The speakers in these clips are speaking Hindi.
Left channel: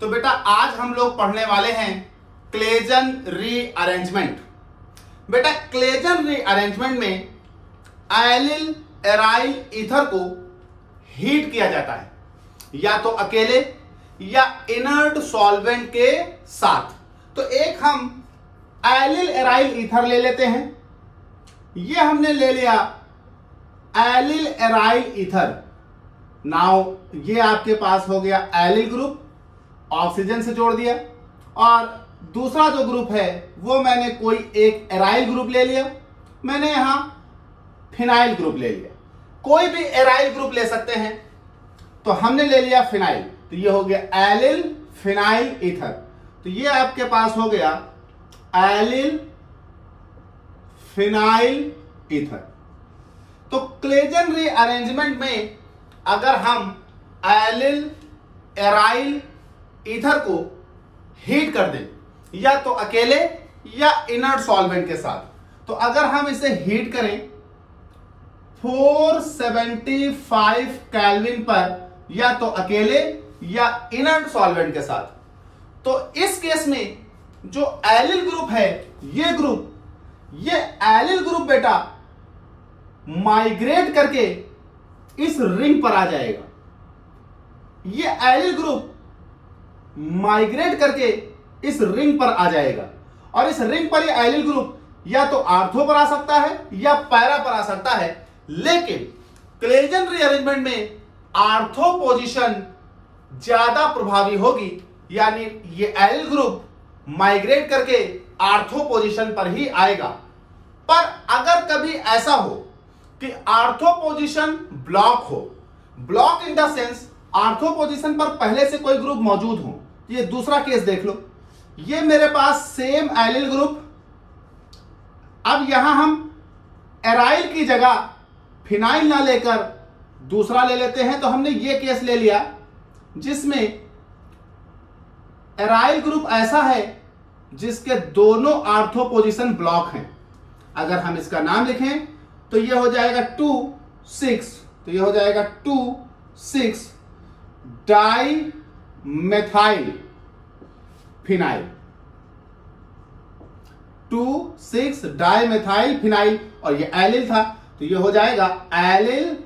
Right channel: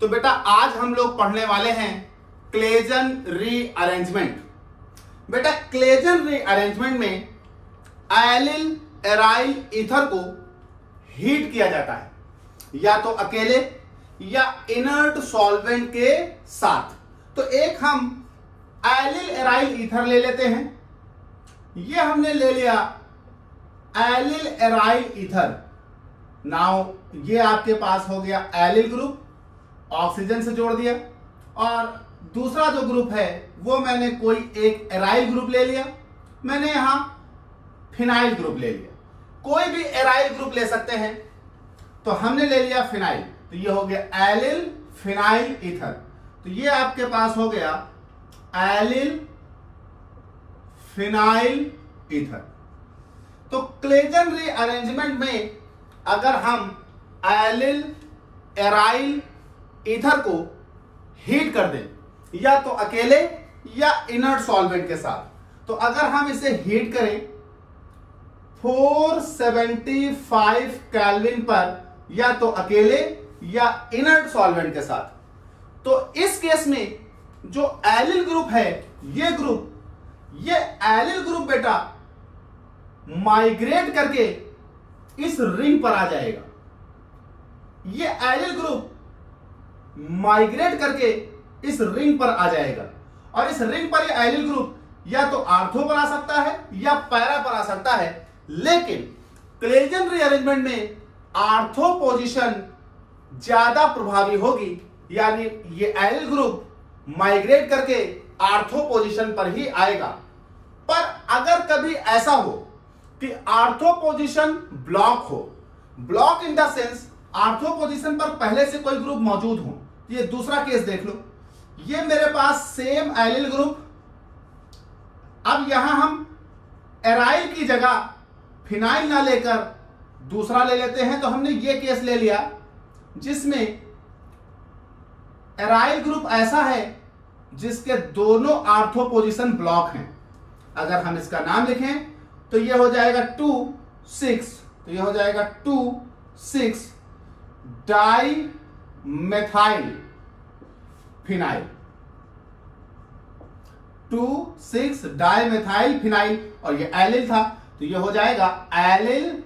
तो बेटा आज हम लोग पढ़ने वाले हैं क्लेजन रीअरेंजमेंट। बेटा क्लेजन रीअरेंजमेंट में एलिल एराइल ईथर को हीट किया जाता है, या तो अकेले या इनर्ट सॉल्वेंट के साथ। तो एक हम एलिल एराइल ईथर ले लेते हैं। ये हमने ले लिया एलिल एराइल ईथर। नाउ ये आपके पास हो गया एलिल ग्रुप, ऑक्सीजन से जोड़ दिया, और दूसरा जो ग्रुप है वो मैंने कोई एक एराइल ग्रुप ले लिया, मैंने यहां फिनाइल ग्रुप ले लिया। कोई भी एराइल ग्रुप ले सकते हैं, तो हमने ले लिया फिनाइल, तो ये हो गया एलिल फिनाइल ईथर। तो ये आपके पास हो गया एलिल फिनाइल ईथर। तो क्लेजन रीअरेंजमेंट में अगर हम एलिल एराइल ईथर को हीट कर दें, या तो अकेले या इनर्ट सॉल्वेंट के साथ, तो अगर हम इसे हीट करें 475 केल्विन पर, या तो अकेले या इनर्ट सॉल्वेंट के साथ, तो इस केस में जो एलिल ग्रुप है, ये एलिल ग्रुप बेटा माइग्रेट करके इस रिंग पर आ जाएगा। ये एलिल ग्रुप माइग्रेट करके इस रिंग पर आ जाएगा, और इस रिंग पर ये एलिल ग्रुप या तो आर्थो पर आ सकता है या पैरा पर आ सकता है। लेकिन क्लेजन रीअरेंजमेंट में आर्थो पोजीशन ज्यादा प्रभावी होगी, यानी ये एलिल ग्रुप माइग्रेट करके आर्थो पोजीशन पर ही आएगा। पर अगर कभी ऐसा हो कि आर्थो पोजीशन ब्लॉक हो, block in the sense ortho position पर पहले से कोई ग्रुप मौजूद हो, ये दूसरा केस देख लो। ये मेरे पास सेम एलिल ग्रुप, अब यहां हम एराइल की जगह फिनाइल ना लेकर दूसरा ले लेते हैं। तो हमने ये केस ले लिया जिसमें एराइल ग्रुप ऐसा है जिसके दोनों आर्थो पोजीशन ब्लॉक हैं। अगर हम इसका नाम लिखें तो ये हो जाएगा 2,6, तो ये हो जाएगा 2,6 di methyl phenyl, 2,6 di methyl phenyl, और ये एलिल था, तो ये हो जाएगा allyl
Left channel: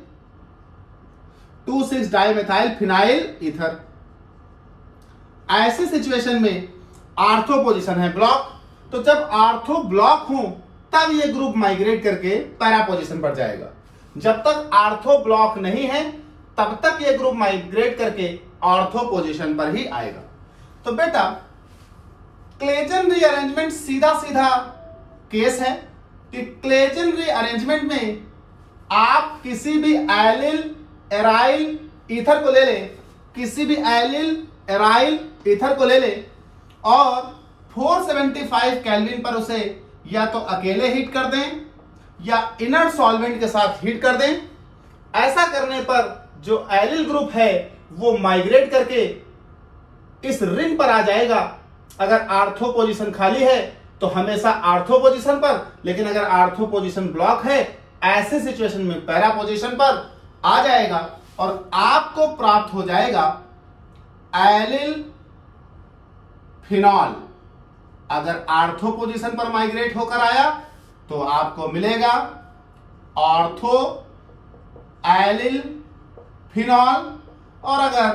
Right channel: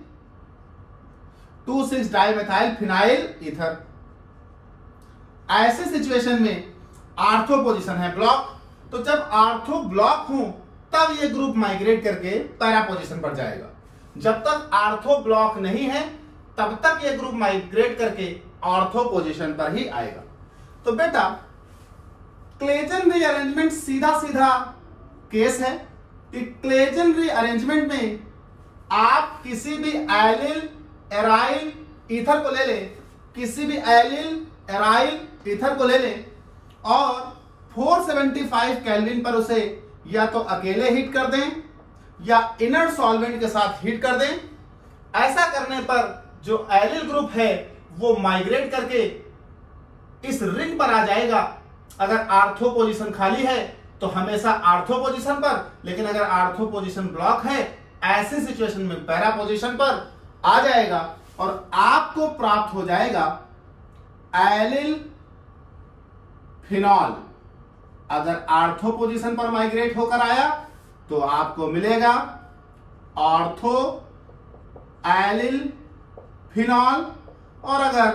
2,6 di methyl phenyl ether. ऐसे सिचुएशन में आर्थो पोजीशन है ब्लॉक, तो जब आर्थो ब्लॉक हो तब ये ग्रुप माइग्रेट करके पैरा पोजीशन पर जाएगा। जब तक आर्थो ब्लॉक नहीं है तब तक ये ग्रुप माइग्रेट करके ऑर्थो पोजीशन पर ही आएगा। तो बेटा क्लेजन रीअरेंजमेंट सीधा सीधा केस है कि क्लेजन रीअरेंजमेंट में आप किसी भी एलिल एराइल ईथर को ले लें, किसी भी एलिल एराइल ईथर को ले लें और 475 केल्विन पर उसे या तो अकेले हीट कर दें या इनर्ट सॉल्वेंट के साथ हीट कर दें। ऐसा करने पर जो एलिल ग्रुप है वो माइग्रेट करके इस रिंग पर आ जाएगा। अगर आर्थो पोजीशन खाली है तो हमेशा आर्थो पोजीशन पर, लेकिन अगर आर्थो पोजीशन ब्लॉक है ऐसे सिचुएशन में पैरा पोजीशन पर आ जाएगा, और आपको प्राप्त हो जाएगा एलिल फिनॉल। अगर आर्थो पोजीशन पर माइग्रेट होकर आया तो आपको मिलेगा ऑर्थो एलिल फिनॉल, और अगर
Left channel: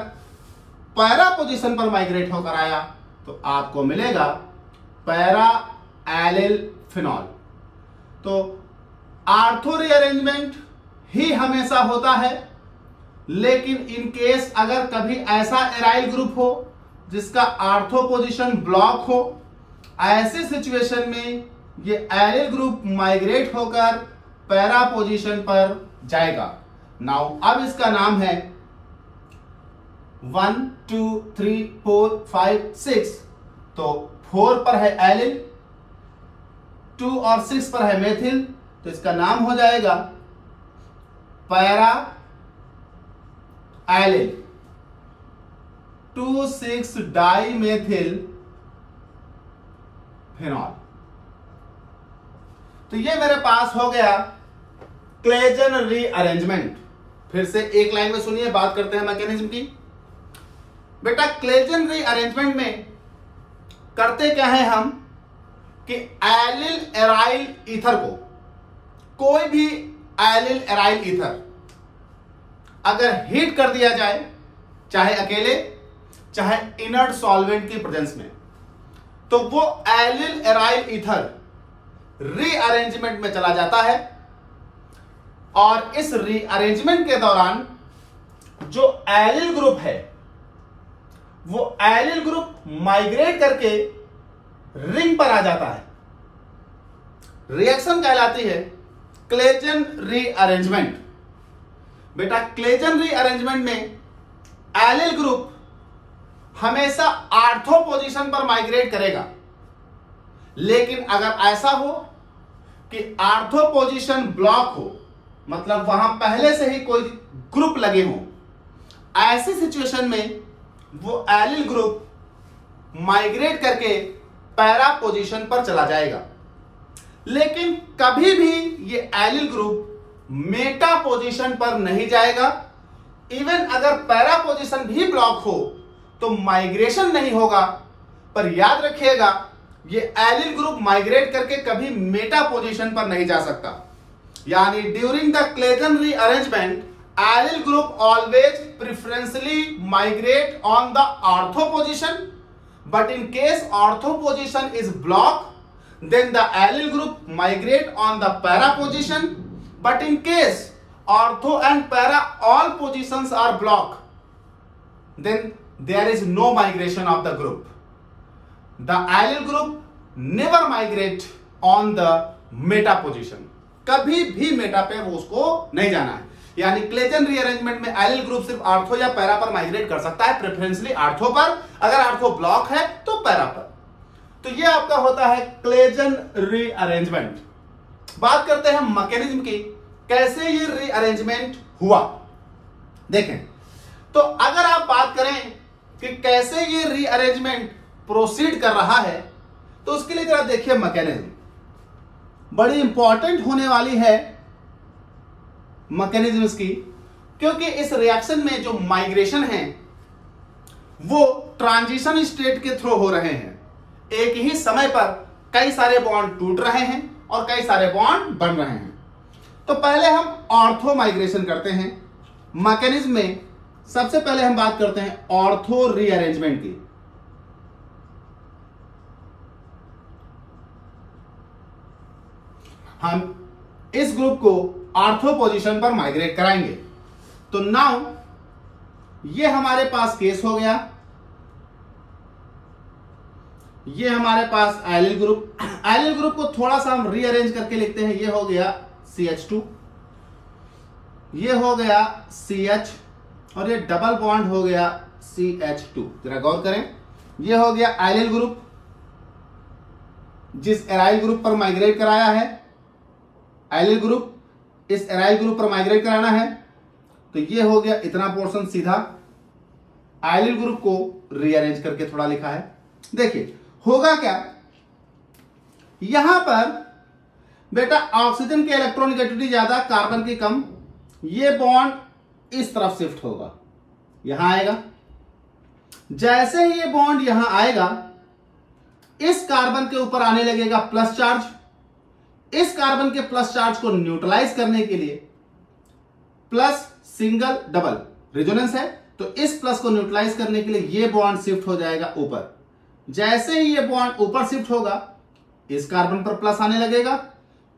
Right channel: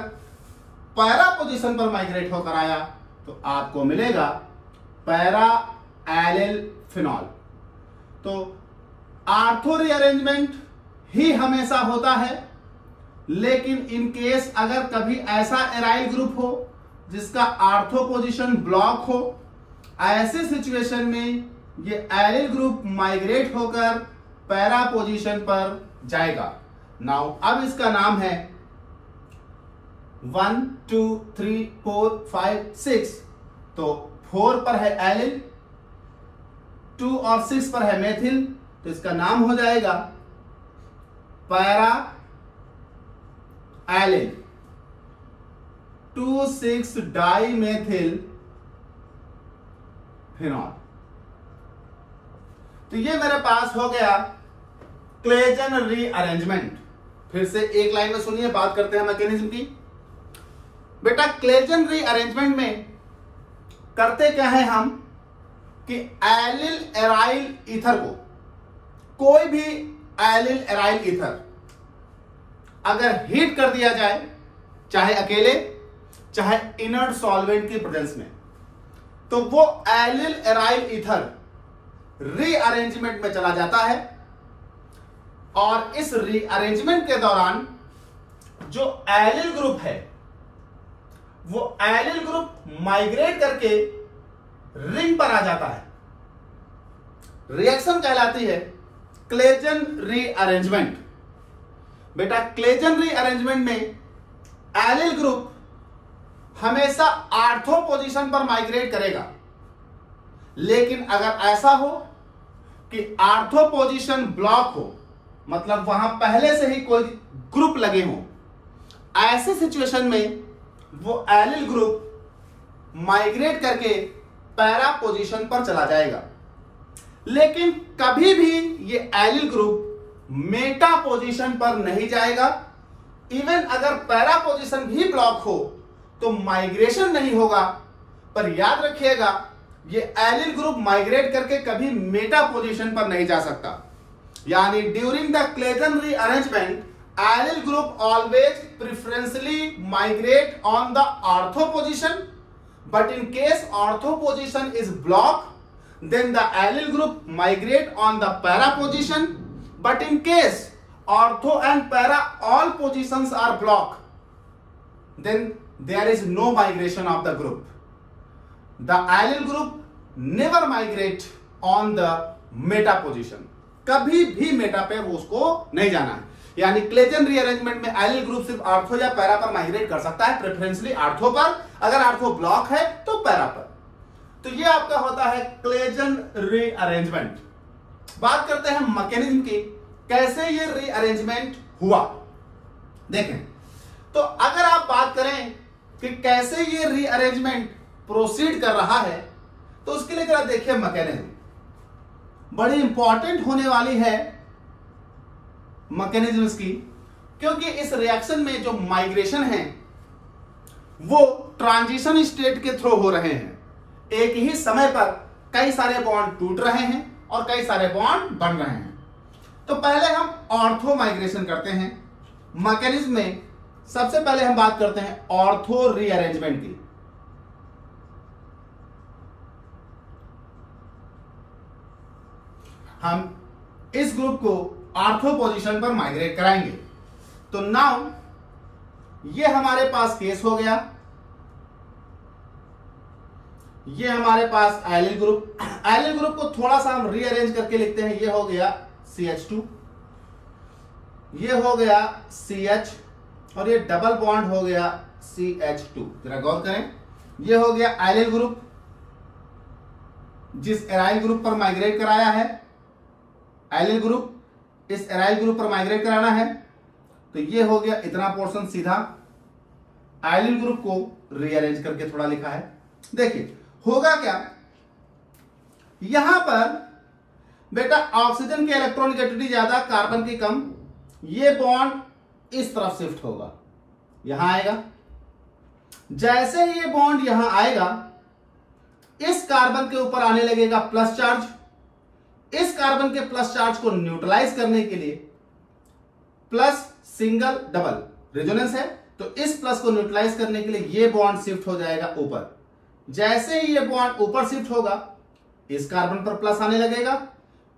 पैरा पोजीशन पर माइग्रेट होकर आया तो आपको मिलेगा पैरा एलिल फिनॉल। तो आर्थो रीअरेंजमेंट ही हमेशा होता है, लेकिन इन केस अगर कभी ऐसा एराइल ग्रुप हो जिसका आर्थो पोजीशन ब्लॉक हो, ऐसे सिचुएशन में ये एलिल ग्रुप माइग्रेट होकर पैरा पोजीशन पर जाएगा। नाउ अब इसका नाम है 1 2 3 4 5 6, तो 4 पर है एलिल, 2 और 6 पर है मेथिल, तो इसका नाम हो जाएगा para allyl 2,6 di methyl phenol. तो ये मेरे पास हो गया क्लेजन रीअरेंजमेंट। फिर से एक लाइन में सुनिए, बात करते हैं मैकेनिज्म की। बेटा क्लेजन रीअरेंजमेंट में करते क्या है हम कि एलिल एराइल ईथर को, कोई भी एलिल एराइल ईथर अगर हीट कर दिया जाए, चाहे अकेले चाहे इनर्ट सॉल्वेंट की प्रेजेंस में, तो वो एलिल एराइल ईथर रीअरेंजमेंट में चला जाता है और इस रीअरेंजमेंट के दौरान जो एलिल ग्रुप है वो एलिल ग्रुप माइग्रेट करके रिंग पर आ जाता है। रिएक्शन कहलाती है क्लेजन रीअरेंजमेंट। बेटा क्लेजन रीअरेंजमेंट में एलिल ग्रुप हमेशा आर्थो पोजीशन पर माइग्रेट करेगा, लेकिन अगर ऐसा हो कि आर्थो पोजीशन ब्लॉक हो, मतलब वहां पहले से ही कोई ग्रुप लगे हो, ऐसे सिचुएशन में वो एलिल ग्रुप माइग्रेट करके पैरा पोजीशन पर चला जाएगा। लेकिन कभी भी ये एलिल ग्रुप मेटा पोजीशन पर नहीं जाएगा। इवन अगर पैरा पोजीशन भी ब्लॉक हो तो माइग्रेशन नहीं होगा, पर याद रखिएगा ये एलिल ग्रुप माइग्रेट करके कभी मेटा पोजीशन पर नहीं जा सकता। यानी during the Claisen rearrangement allyl group always preferentially migrate on the ortho position, but in case ortho position is blocked, then the allyl group migrate on the para position. But in case ortho and para all positions are blocked, then there is no migration of the group. The allyl group never migrate on the meta position. कभी भी मेटा पे वो उसको नहीं जाना है। यानी क्लेजन रीअरेंजमेंट में एलिल ग्रुप सिर्फ आर्थो या पैरा पर माइग्रेट कर सकता है, प्रेफरेंशियली आर्थो पर, अगर आर्थो ब्लॉक है तो पैरा पर। तो ये आपका होता है क्लेजन रीअरेंजमेंट। बात करते हैं मैकेनिज्म की, कैसे ये रीअरेंजमेंट हुआ। देखें तो अगर आप बात करें कि कैसे ये रीअरेंजमेंट प्रोसीड कर रहा है, तो उसके लिए जरा देखिए मैकेनिज्म बड़ी इंपॉर्टेंट होने वाली है मैकेनिज्म्स की, क्योंकि इस रिएक्शन में जो माइग्रेशन है वो ट्रांजिशन स्टेट के थ्रू हो रहे हैं। एक ही समय पर कई सारे बॉन्ड टूट रहे हैं और कई सारे बॉन्ड बन रहे हैं। तो पहले हम ऑर्थो माइग्रेशन करते हैं। मैकेनिज्म में सबसे पहले हम बात करते हैं ऑर्थो रीअरेंजमेंट की। हम इस ग्रुप को आर्थो पोजीशन पर माइग्रेट कराएंगे। तो नाउ ये हमारे पास केस हो गया, ये हमारे पास एलिल ग्रुप। एलिल ग्रुप को थोड़ा सा हम रीअरेंज करके लिखते हैं। ये हो गया CH2, ये हो गया CH और ये डबल बॉन्ड हो गया CH2। जरा गौर करें, ये हो गया एलिल ग्रुप जिस एराइल ग्रुप पर माइग्रेट कराया है। एलिल ग्रुप इस एराइल ग्रुप पर माइग्रेट कराना है, तो ये हो गया इतना पोर्शन सीधा एलिल ग्रुप को रीअरेंज करके थोड़ा लिखा है। देखिए होगा क्या, यहां पर बेटा ऑक्सीजन की इलेक्ट्रॉनिगेटिविटी ज्यादा, कार्बन की कम। ये बॉन्ड इस तरफ शिफ्ट होगा, यहां आएगा। जैसे ही ये बॉन्ड यहां आएगा, इस कार्बन के ऊपर आने लगेगा प्लस चार्ज। इस कार्बन के प्लस चार्ज को न्यूट्रलाइज करने के लिए प्लस सिंगल डबल रेजोनेंस है, तो इस प्लस को न्यूट्रलाइज करने के लिए ये बॉन्ड शिफ्ट हो जाएगा ऊपर। जैसे ही ये बॉन्ड ऊपर शिफ्ट होगा, इस कार्बन पर प्लस आने लगेगा।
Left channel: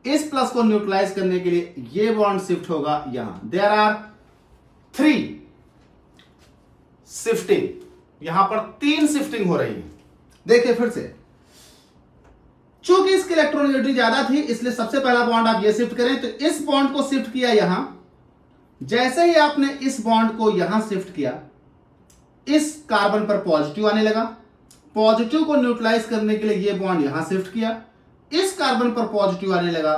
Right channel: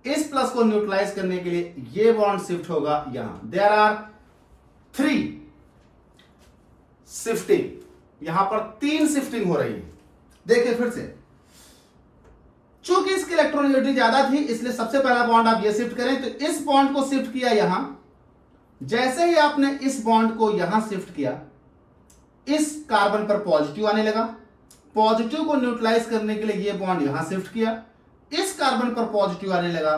इस प्लस को न्यूट्रलाइज करने के लिए ये बॉन्ड शिफ्ट होगा यहां। देयर आर 3 शिफ्टिंग, यहां पर 3 शिफ्टिंग हो रही है। देखिए फिर से, चूंकि इसकी इलेक्ट्रॉनिगेटिविटी ज्यादा थी, इसलिए सबसे पहला बॉन्ड आप ये शिफ्ट करें, तो इस बॉन्ड को शिफ्ट किया यहां। जैसे ही आपने इस बॉन्ड को यहां शिफ्ट किया, इस कार्बन पर पॉजिटिव आने लगा। पॉजिटिव को न्यूट्रलाइज करने के लिए ये बॉन्ड यहां शिफ्ट किया। इस कार्बन पर पॉजिटिव आने लगा।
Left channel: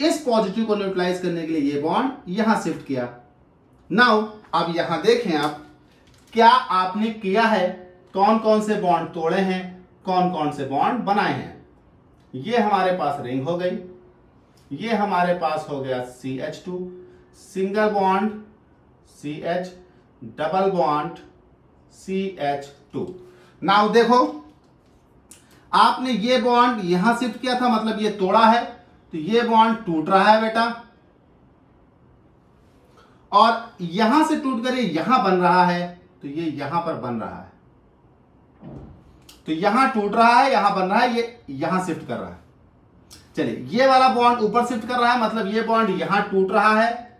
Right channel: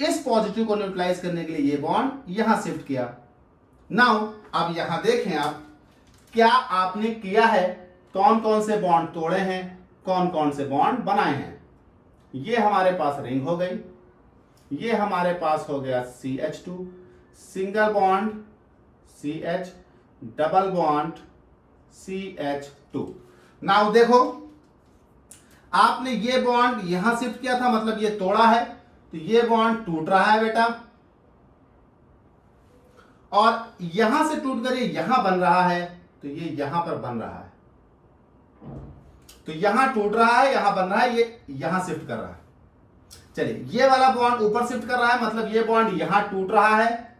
इस पॉजिटिव को न्यूट्रलाइज करने के लिए ये बॉन्ड यहां शिफ्ट किया। नाउ अब यहां देखें आप क्या आपने किया है, कौन कौन से बॉन्ड तोड़े हैं, कौन कौन से बॉन्ड बनाए हैं। ये हमारे पास रिंग हो गई, ये हमारे पास हो गया CH2, single bond CH, double bond CH2। Now देखो, आपने ये बॉन्ड यहां शिफ्ट किया था, मतलब ये तोड़ा है, तो ये बॉन्ड टूट रहा है बेटा, और यहां से टूट कर ये यहां बन रहा है, तो ये यहां पर बन रहा है। तो यहां टूट रहा है, यहां बन रहा है, ये यहां शिफ्ट कर रहा है। चलिए, ये वाला बॉन्ड ऊपर शिफ्ट कर रहा है, मतलब ये बॉन्ड यहां टूट रहा है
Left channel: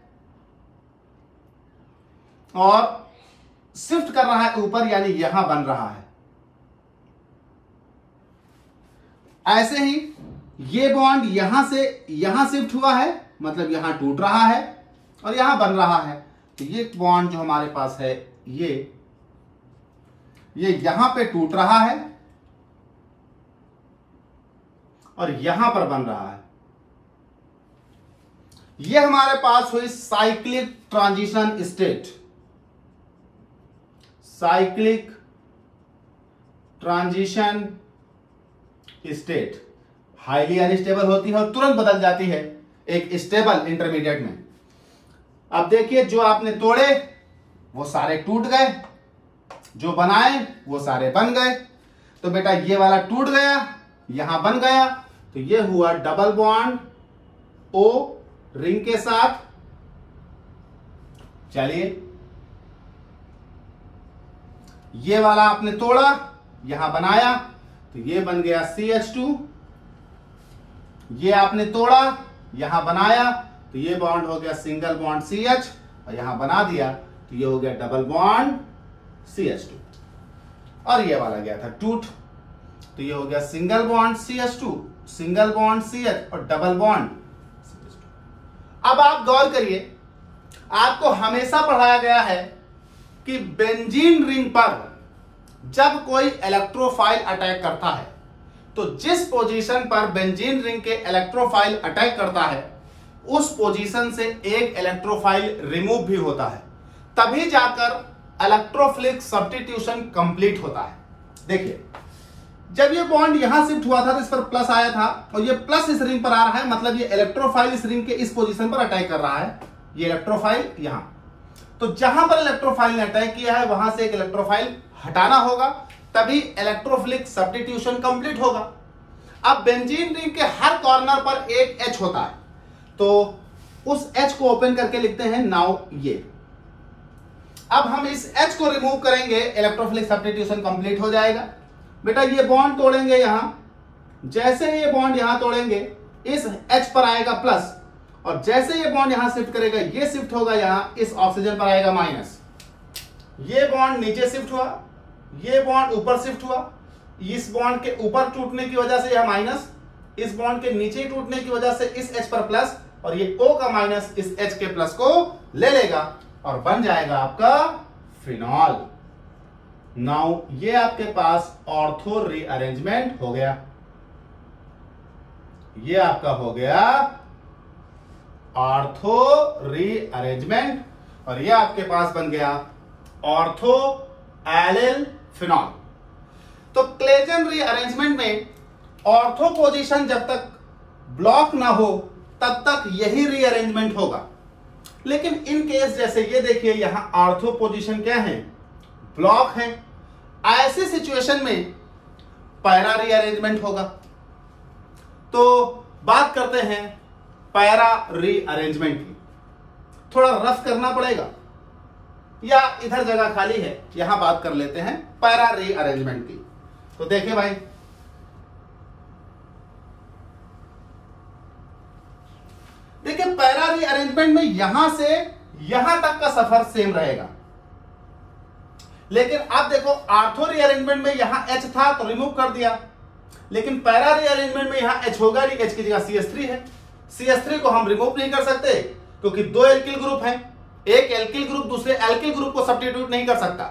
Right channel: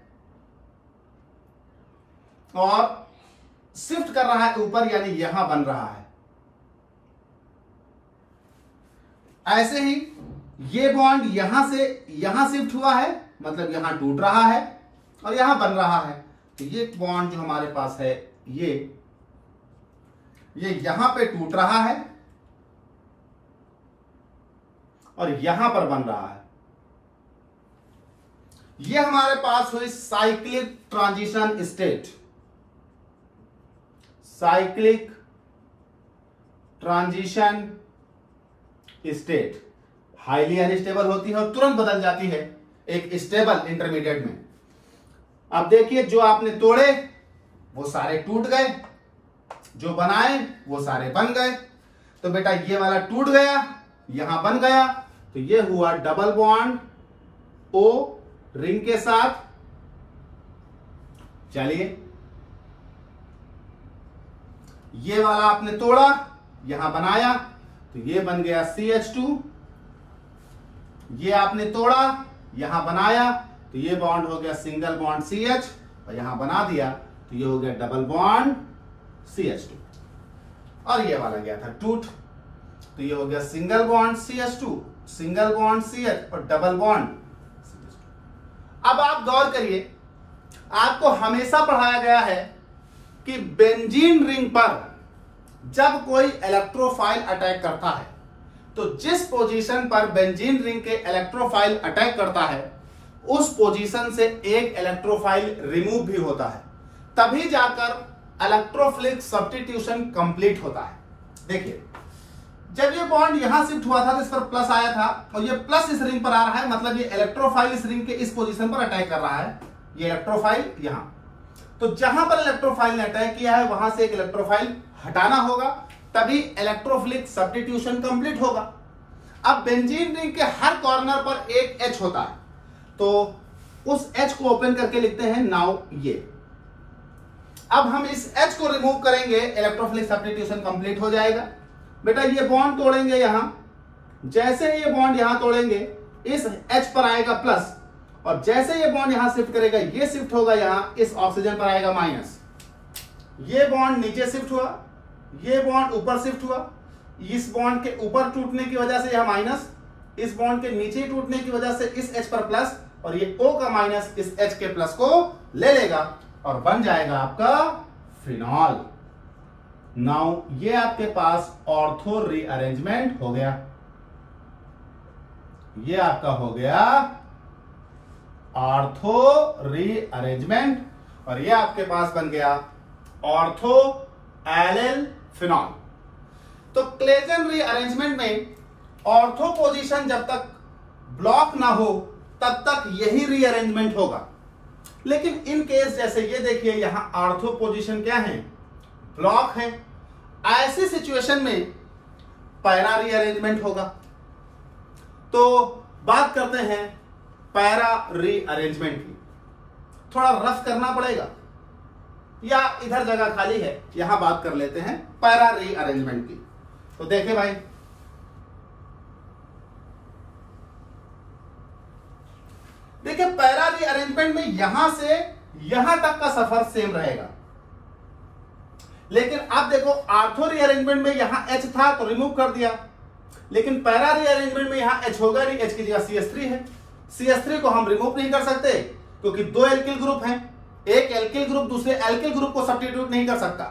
और शिफ्ट कर रहा है ऊपर, यानी यहां बन रहा है। ऐसे ही ये बॉन्ड यहां से यहां शिफ्ट हुआ है, मतलब यहां टूट रहा है और यहां बन रहा है। तो ये बॉन्ड जो हमारे पास है, ये यहां पे टूट रहा है और यहां पर बन रहा है। ये हमारे पास हुई cyclic transition state. Cyclic transition state highly unstable होती है और तुरंत बदल जाती है एक स्टेबल इंटरमीडिएट में। अब देखिए, जो आपने तोड़े वो सारे टूट गए, जो बनाए वो सारे बन गए। तो बेटा ये वाला टूट गया, यहां बन गया, तो ये हुआ डबल बॉन्ड O रिंग के साथ। चलिए, ये वाला आपने तोड़ा, यहां बनाया, तो ये बन गया CH2। ये आपने तोड़ा, यहां बनाया, तो ये बॉन्ड हो गया सिंगल बॉन्ड CH, और यहां बना दिया तो ये हो गया डबल बॉन्ड CH2। और ये वाला गया था टूट, तो ये हो गया single bond CH2, single bond CH और डबल बॉन्ड CH2। अब आप गौर करिए, आपको हमेशा पढ़ाया गया है कि बेंजीन रिंग पर जब कोई इलेक्ट्रोफाइल अटैक करता है, तो जिस पोजीशन पर बेंजीन रिंग के इलेक्ट्रोफाइल अटैक करता है, उस पोजीशन से एक इलेक्ट्रोफाइल रिमूव भी होता है, तभी जाकर इलेक्ट्रोफिलिक सब्स्टिट्यूशन कंप्लीट होता है। देखिए, जब ये बॉन्ड यहां शिफ्ट हुआ था तो इस पर प्लस आया था, और ये प्लस इस रिंग पर आ रहा है, मतलब ये इलेक्ट्रोफाइल इस रिंग के इस पोजीशन पर अटैक कर रहा है, ये इलेक्ट्रोफाइल यहां। तो जहां पर इलेक्ट्रोफाइल ने अटैक किया है, वहां से एक इलेक्ट्रोफाइल हटाना होगा, तभी इलेक्ट्रोफिलिक सब्स्टिट्यूशन कंप्लीट होगा। अब बेंजीन रिंग के हर कॉर्नर पर एक H होता है, तो उस H को ओपन करके लिखते हैं नाउ ये। अब हम इस H को रिमूव करेंगे, इलेक्ट्रोफिलिक सब्स्टिट्यूशन कंप्लीट हो जाएगा। बेटा ये बॉन्ड तोड़ेंगे यहां, जैसे ये बॉन्ड यहां तोड़ेंगे, इस H पर आएगा प्लस, और जैसे ये बॉन्ड यहां शिफ्ट करेगा, ये शिफ्ट होगा यहां, इस ऑक्सीजन पर आएगा माइनस। ये बॉन्ड नीचे शिफ्ट हुआ, ये बॉन्ड ऊपर शिफ्ट हुआ, इस बॉन्ड के ऊपर टूटने की वजह से यह माइनस, इस बॉन्ड के नीचे टूटने की वजह से इस H पर प्लस, और ये O का माइनस इस H के प्लस को ले लेगा और बन जाएगा आपका फिनॉल। नाउ ये आपके पास ऑर्थो रीअरेंजमेंट हो गया, ये आपका हो गया ऑर्थो रीअरेंजमेंट, और ये आपके पास बन गया ऑर्थो एलिल फिनॉल। तो क्लेजन रीअरेंजमेंट में ऑर्थो पोजीशन जब तक ब्लॉक ना हो तब तक यही रीअरेंजमेंट होगा, लेकिन इन केस जैसे ये देखिए यहां ऑर्थो पोजीशन क्या है, ब्लॉक है, ऐसे सिचुएशन में पैरा रीअरेंजमेंट होगा। तो बात करते हैं पैरा रीअरेंजमेंट की। थोड़ा रफ करना पड़ेगा, या इधर जगह खाली है, यहां बात कर लेते हैं पैरा रीअरेंजमेंट की। तो देखिए भाई, देखिए पैरा रीअरेंजमेंट में यहां से यहां तक का सफर सेम रहेगा, लेकिन अब देखो ऑर्थो रीअरेंजमेंट में यहां H था तो रिमूव कर दिया, लेकिन पैरा रीअरेंजमेंट में यहां H होगा नहीं, H की जगह CH3 है। CH3 को हम रिमूव नहीं कर सकते क्योंकि दो एल्किल ग्रुप हैं, एक एल्किल ग्रुप दूसरे एल्किल ग्रुप को सब्स्टिट्यूट नहीं कर सकता।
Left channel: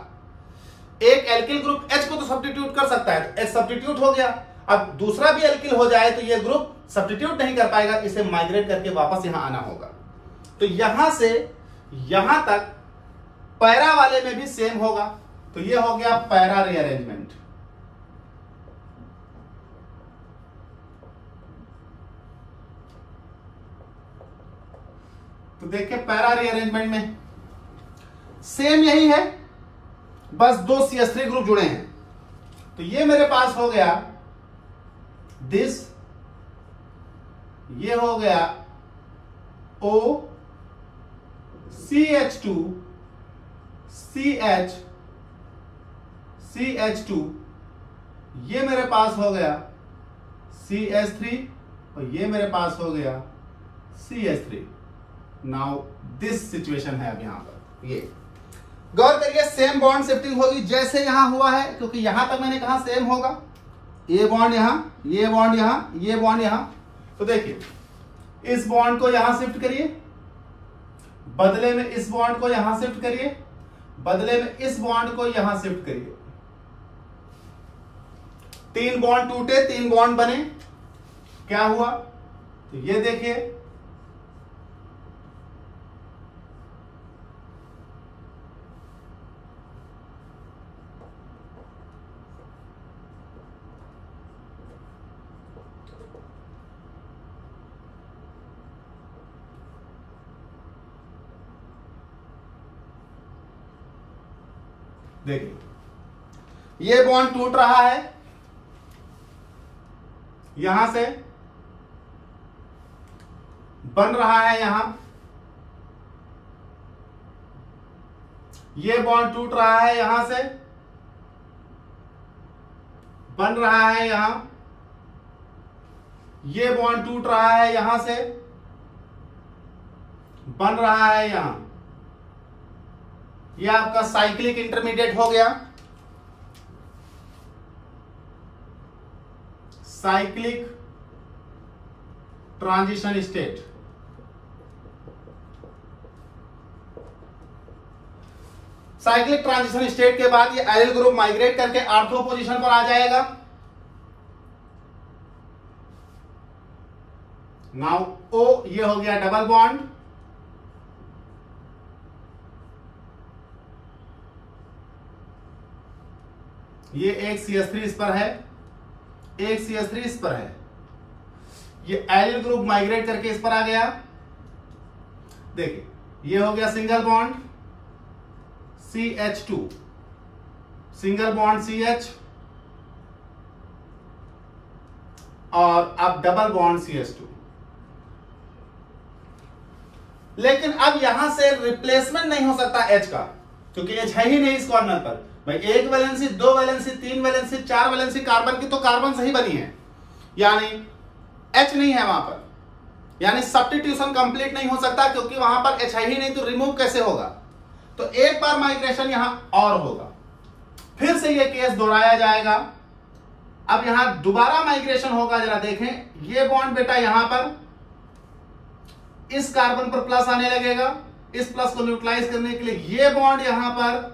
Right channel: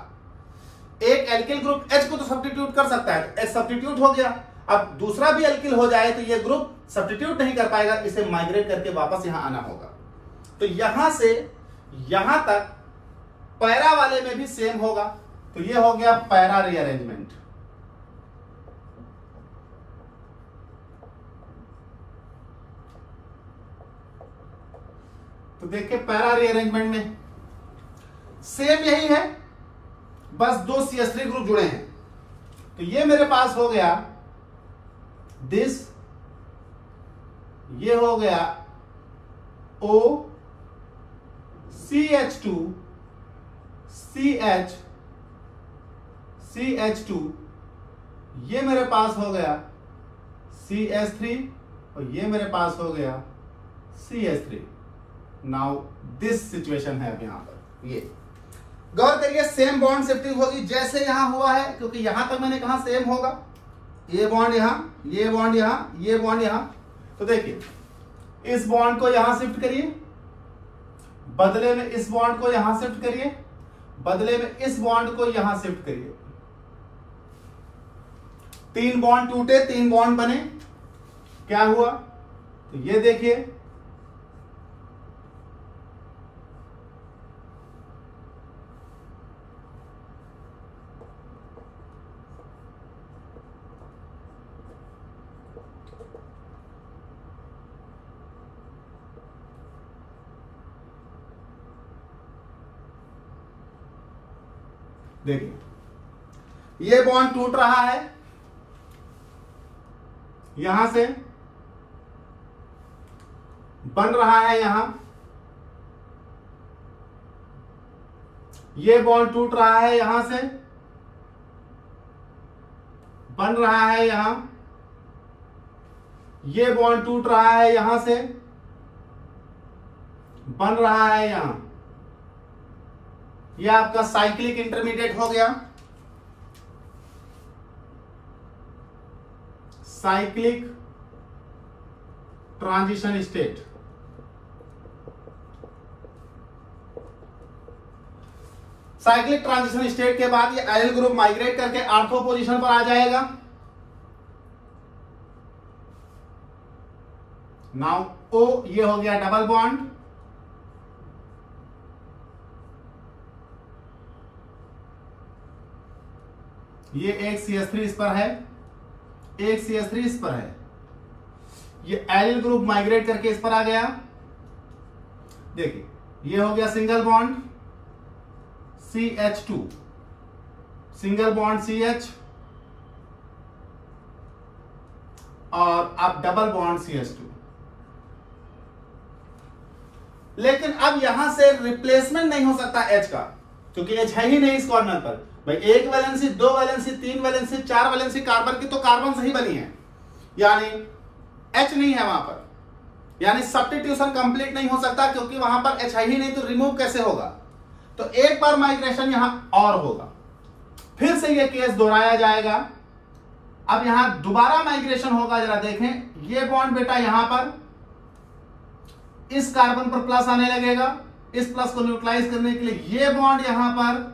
एक एल्किल ग्रुप H को तो सब्स्टिट्यूट कर सकता है, तो H सब्स्टिट्यूट हो गया। अब दूसरा भी एल्किल हो जाए तो ये ग्रुप सब्स्टिट्यूट नहीं कर पाएगा, इसे माइग्रेट करके वापस यहां आना होगा। तो यहां से यहां तक पैरा वाले में भी सेम होगा, तो ये हो गया पैरा रीअरेंजमेंट। तो देखिए पैरा रीअरेंजमेंट में सेम यही है, बस 2 CH3 ग्रुप जुड़े हैं। तो ये मेरे पास हो गया दिस, ये हो गया O CH2 CH2, ये मेरे पास हो गया CH3 और ये मेरे पास हो गया CH3। नाउ दिस सिचुएशन है अब यहां पर। ये गौर करिए, सेम बॉन्ड शिफ्टिंग होगी जैसे यहां हुआ है, क्योंकि यहां तक मैंने कहा सेम होगा। ये बॉन्ड यहां, ये बॉन्ड यहां, ये बॉन्ड यहां। तो देखिए, इस बॉन्ड को यहां शिफ्ट करिए, बदले में इस बॉन्ड को यहां शिफ्ट करिए, बदले में इस बॉन्ड को यहां शिफ्ट करिए। 3 बॉन्ड टूटे, 3 बॉन्ड बने, क्या हुआ? तो ये देखिए, देखिए ये बॉन्ड टूट रहा है, यहां से बन रहा है यहां, ये बॉन्ड टूट रहा है यहां से, बन रहा है यहां, ये बॉन्ड टूट रहा है यहां से, बन रहा है यहां। यह आपका साइक्लिक इंटरमीडिएट हो गया, cyclic transition state. Cyclic transition state के बाद ये एल ग्रुप माइग्रेट करके आर्थो पोजीशन पर आ जाएगा। नाउ ओ, ये हो गया डबल बॉन्ड, ये एक CH3 इस पर है, एक CH3 इस पर है, ये एल ग्रुप माइग्रेट करके इस पर आ गया। देखिए ये हो गया single bond CH2, single bond CH, और अब डबल बॉन्ड CH2। लेकिन अब यहां से रिप्लेसमेंट नहीं हो सकता H का, क्योंकि H है ही नहीं इस कॉर्नर पर। भाई 1 valency, 2 valency, 3 valency, 4 valency carbon की तो कार्बन से ही बनी है, यानी H नहीं है वहां पर, यानी सब्स्टिट्यूशन कंप्लीट नहीं हो सकता, क्योंकि वहां पर H है ही नहीं, तो रिमूव कैसे होगा? तो एक बार माइग्रेशन यहां और होगा, फिर से ये केस दोहराया जाएगा। अब यहां दोबारा माइग्रेशन होगा, जरा देखें, ये बॉन्ड बेटा यहां पर इस कार्बन पर प्लस आने लगेगा, इस प्लस को न्यूट्रलाइज करने के लिए ये बॉन्ड यहां पर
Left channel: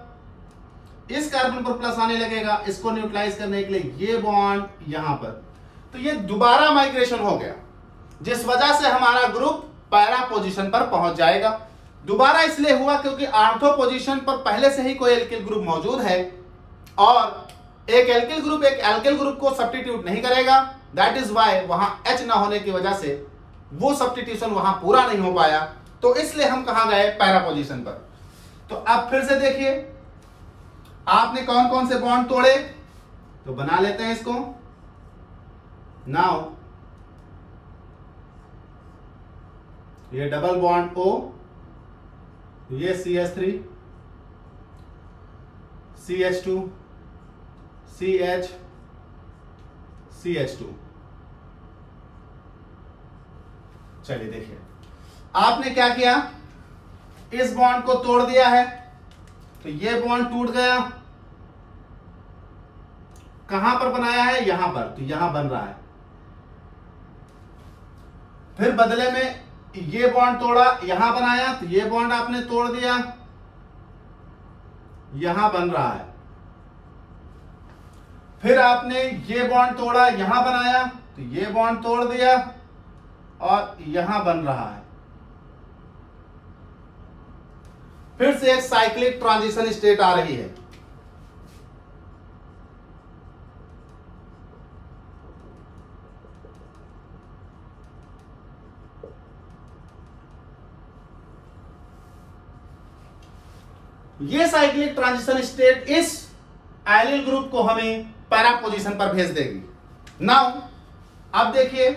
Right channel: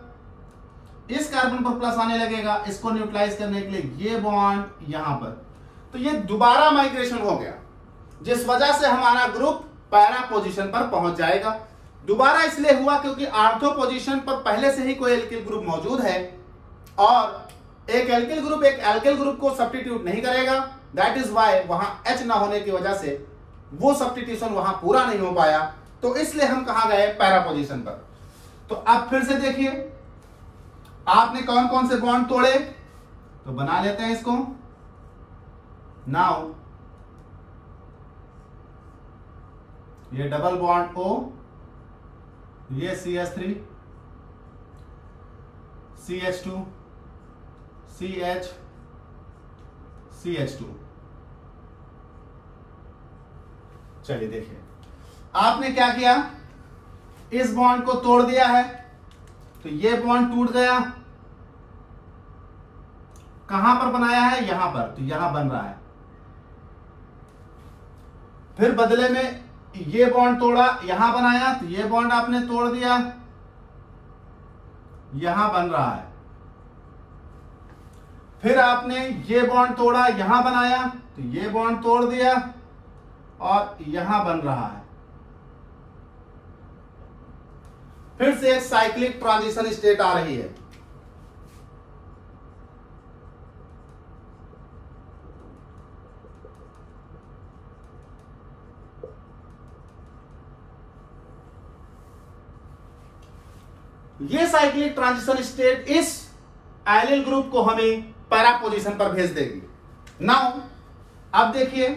इस कार्बन पर प्लस आने लगेगा, इसको न्यूट्रलाइज करने के लिए ये बॉन्ड यहां पर। तो ये दोबारा माइग्रेशन हो गया, जिस वजह से हमारा ग्रुप पैरा पोजीशन पर पहुंच जाएगा। दोबारा इसलिए हुआ क्योंकि आर्थो पोजीशन पर पहले से ही कोई एल्किल ग्रुप मौजूद है, और एक एल्किल ग्रुप एक एल्किल ग्रुप को सब्स्टिट्यूट नहीं करेगा। दैट इज वाई वहां H ना होने की वजह से वो सब्स्टिट्यूशन वहां पूरा नहीं हो पाया, तो इसलिए हम कहां गए? पैरा पोजीशन पर। तो अब फिर से देखिए, आपने कौन कौन से बॉन्ड तोड़े, तो बना लेते हैं इसको। नाउ ये डबल बॉन्ड O, ये CH3 CH2 CH CH2। चलिए देखिए, आपने क्या किया, इस बॉन्ड को तोड़ दिया है, तो ये बॉन्ड टूट गया, कहां पर बनाया है? यहां पर, तो यहां बन रहा है। फिर बदले में ये बॉन्ड तोड़ा, यहां बनाया, तो ये बॉन्ड आपने तोड़ दिया, यहां बन रहा है। फिर आपने ये बॉन्ड तोड़ा, यहां बनाया, तो ये बॉन्ड तोड़ दिया और यहां बन रहा है। फिर से एक साइक्लिक ट्रांजिशन स्टेट आ रही है। ये साइक्लिक ट्रांजिशन स्टेट इस एलिल ग्रुप को हमें पैरा पोजीशन पर भेज देगी। नाउ अब देखिए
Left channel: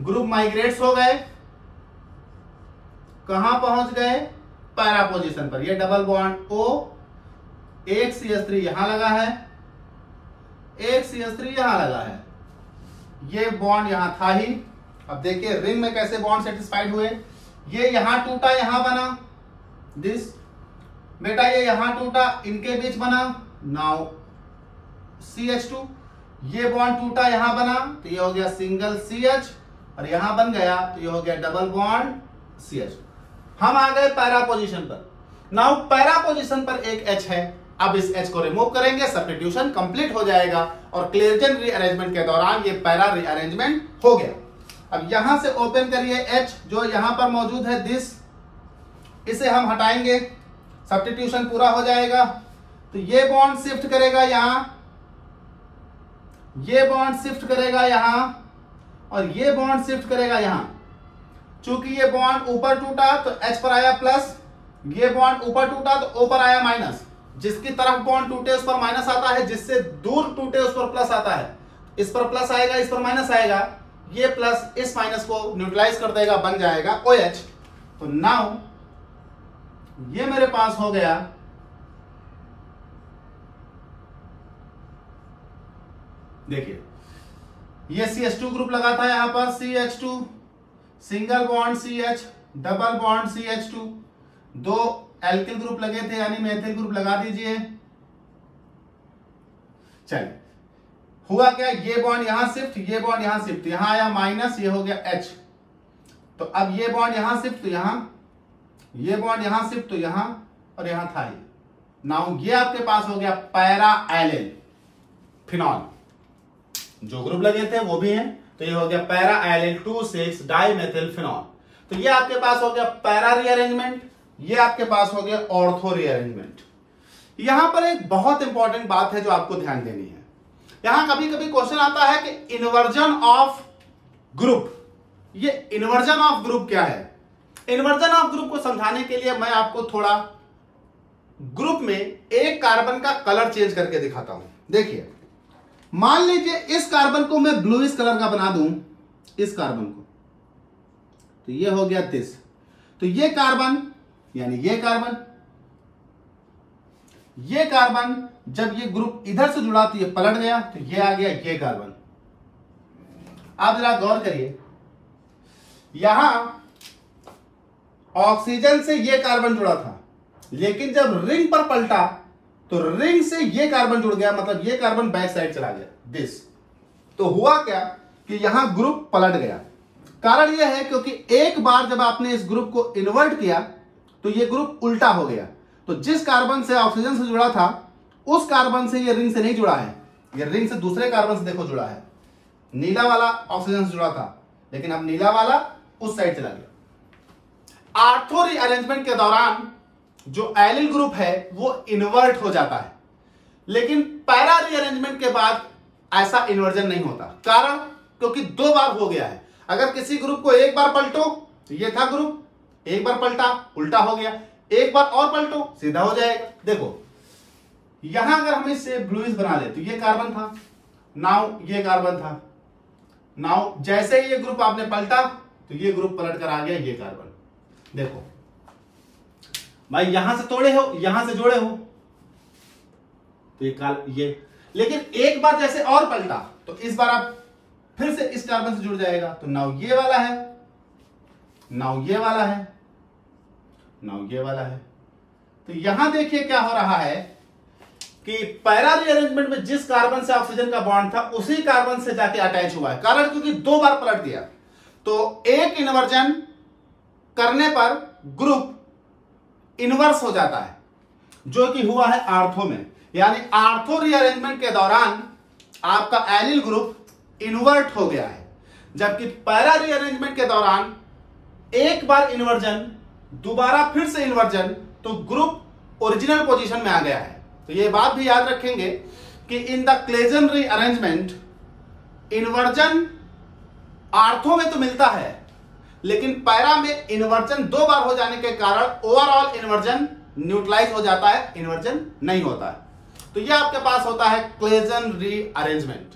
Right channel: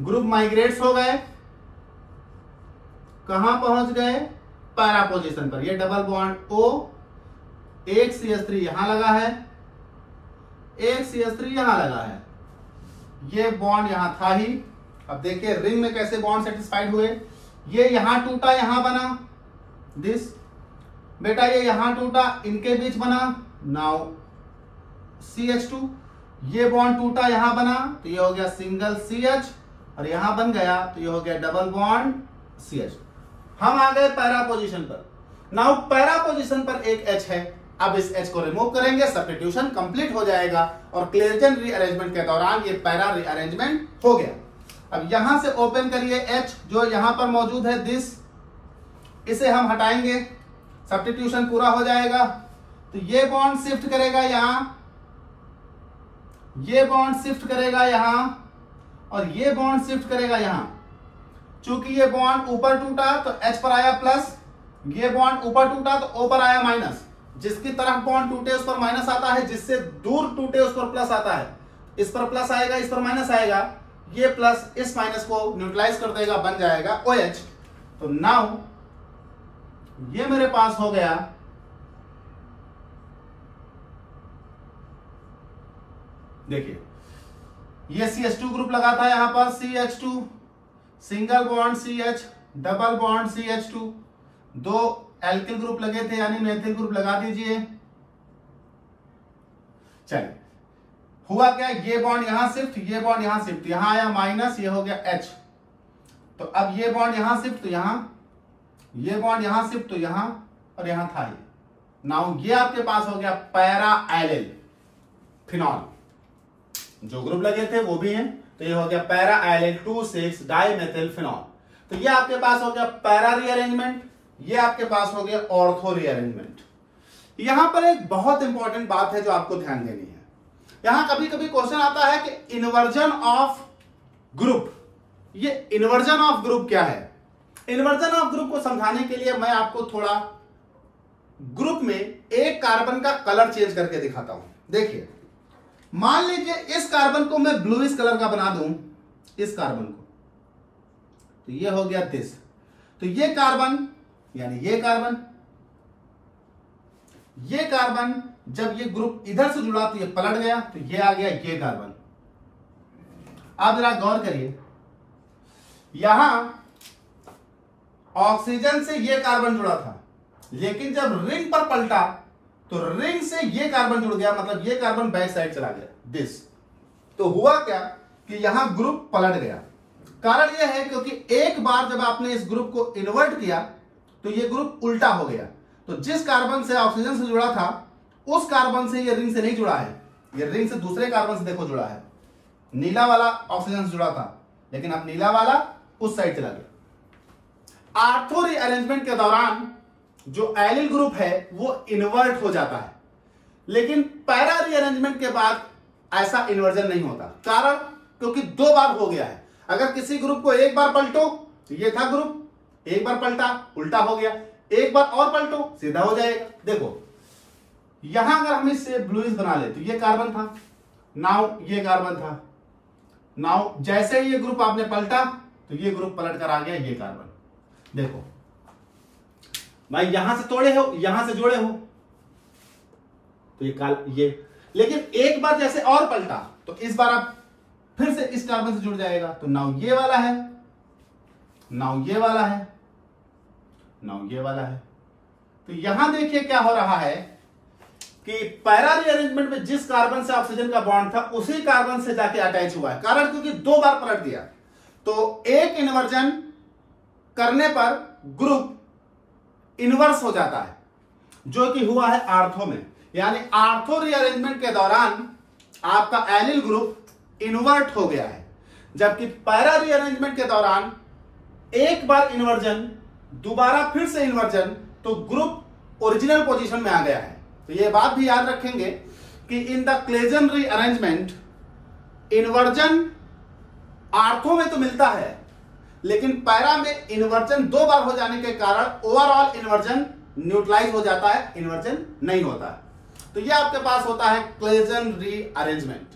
ग्रुप माइग्रेट्स हो गए, कहां पहुंच गए? पैरा पोजीशन पर। ये डबल बॉन्ड O, एक CH3 यहां लगा है, एक CH3 यहां लगा है, ये बॉन्ड यहां था ही। अब देखिए रिंग में कैसे बॉन्ड सेटिस्फाइड हुए। ये यहां टूटा, यहां बना दिस, बेटा ये यहां टूटा, इनके बीच बना नाउ CH2, ये बॉन्ड टूटा यहां बना तो ये हो गया सिंगल CH, और यहां बन गया तो ये हो गया डबल बॉन्ड CH। हम आ गए पैरा पोजीशन पर। नाउ पैरा पोजीशन पर एक H है, अब इस H को रिमूव करेंगे, सब्स्टिट्यूशन कंप्लीट हो जाएगा और क्लेजन रीअरेंजमेंट के दौरान ये पैरा रीअरेंजमेंट हो गया। अब यहां से ओपन करिए H जो यहां पर मौजूद है दिस, इसे हम हटाएंगे, सब्स्टिट्यूशन पूरा हो जाएगा। तो ये बॉन्ड शिफ्ट करेगा यहां, ये बॉन्ड शिफ्ट करेगा यहां, और ये बॉन्ड शिफ्ट करेगा यहां। चूंकि ये बॉन्ड ऊपर टूटा तो H पर आया प्लस, ये बॉन्ड ऊपर टूटा तो O पर आया माइनस। जिसकी तरफ बॉन्ड टूटे उस पर माइनस आता है, जिससे दूर टूटे उस पर प्लस आता है। इस पर प्लस आएगा, इस पर माइनस आएगा, ये प्लस इस माइनस को न्यूट्रलाइज कर देगा, बन जाएगा OH। तो नाउ ये मेरे पास हो गया देखिए ये CH2 ग्रुप लगा था यहां पर CH2, single bond CH, double bond CH2, दो एल्किल ग्रुप लगे थे यानी मेथिल ग्रुप लगा दीजिए। चलिए हुआ क्या, ये बॉन्ड यहां शिफ्ट, ये बॉन्ड यहां शिफ्ट, यहां आया माइनस, ये हो गया H। तो अब ये बॉन्ड यहां शिफ्ट तो यहां, ये बॉन्ड यहां शिफ्ट तो यहां, और यहां था ये। नाउ ये आपके पास हो गया पैरा एलिल फिनॉल, जो ग्रुप लगे थे वो भी हैं, तो ये हो गया पैरा एलिल 2,6 डाइमेथिल फिनॉल। तो ये आपके पास हो गया पैरा रीअरेंजमेंट, ये आपके पास हो गया ऑर्थो रीअरेंजमेंट। यहां पर एक बहुत इंपॉर्टेंट बात है जो आपको ध्यान देनी है। यहां कभी कभी क्वेश्चन आता है कि इन्वर्जन ऑफ ग्रुप, ये इन्वर्जन ऑफ ग्रुप क्या है? इन्वर्जन ऑफ ग्रुप को समझाने के लिए मैं आपको थोड़ा ग्रुप में एक कार्बन का कलर चेंज करके दिखाता हूं। देखिए मान लीजिए इस कार्बन को मैं ब्लूइश कलर का बना दूं, इस कार्बन को, तो ये हो गया दिस। तो ये कार्बन यानी ये कार्बन जब ये ग्रुप इधर से जुड़ा तो ये पलट गया, तो ये आ गया ये कार्बन। आप जरा गौर करिए, यहां ऑक्सीजन से ये कार्बन जुड़ा था, लेकिन जब रिंग पर पलटा तो रिंग से ये कार्बन जुड़ गया, मतलब ये कार्बन बैक साइड चला गया दिस। तो हुआ क्या कि यहां ग्रुप पलट गया। कारण यह है क्योंकि एक बार जब आपने इस ग्रुप को इन्वर्ट किया तो ये ग्रुप उल्टा हो गया। तो जिस कार्बन से ऑक्सीजन से जुड़ा था उस कार्बन से ये रिंग से नहीं जुड़ा है, ये रिंग से दूसरे कार्बन से देखो जुड़ा है। नीला वाला ऑक्सीजन से जुड़ा था, लेकिन अब नीला वाला उस साइड चला गया। आर्थो रीअरेंजमेंट के दौरान जो एलिल ग्रुप है वो इन्वर्ट हो जाता है, लेकिन पैरा रीअरेंजमेंट के बाद ऐसा इन्वर्जन नहीं होता। कारण क्योंकि दो बार हो गया है। अगर किसी ग्रुप को एक बार पलटो तो ये था ग्रुप, एक बार पलटा उल्टा हो गया, एक बार और पलटो सीधा हो जाएगा। देखो यहां अगर हम इससे ब्लूइश बना ले तो ये कार्बन था, नाउ ये कार्बन था, नाउ जैसे ही ये ग्रुप आपने पलटा तो ये ग्रुप पलट कर आ गया ये कार्बन। देखो भाई यहां से तोड़े हो, यहां से जोड़े हो, तो ये लेकिन एक बार जैसे और पलटा तो इस बार आप फिर से इस कार्बन से जुड़ जाएगा। तो नाउ ये वाला है, नाउ ये वाला है, नाउ ये वाला है। तो यहां देखिए क्या हो रहा है कि पैरा रीअरेंजमेंट में जिस कार्बन से ऑक्सीजन का बॉन्ड था उसी कार्बन से जाके अटैच हुआ है। कारण क्योंकि दो बार पलट दिया, तो एक इन्वर्जन करने पर ग्रुप इन्वर्स हो जाता है, जो कि हुआ है आर्थो में। यानी आर्थो रीअरेंजमेंट के दौरान आपका एलिल ग्रुप इन्वर्ट हो गया है, जबकि पैरा रीअरेंजमेंट के दौरान एक बार इन्वर्जन, दोबारा फिर से इन्वर्जन, तो ग्रुप ओरिजिनल पोजीशन में आ गया है। तो ये बात भी याद रखेंगे कि in the Claisen rearrangement inversion ortho में तो मिलता है, लेकिन पैरा में इन्वर्जन दो बार हो जाने के कारण ओवरऑल इन्वर्जन न्यूट्रलाइज हो जाता है, इन्वर्जन नहीं होता है। तो ये आपके पास होता है क्लेजन रीअरेंजमेंट।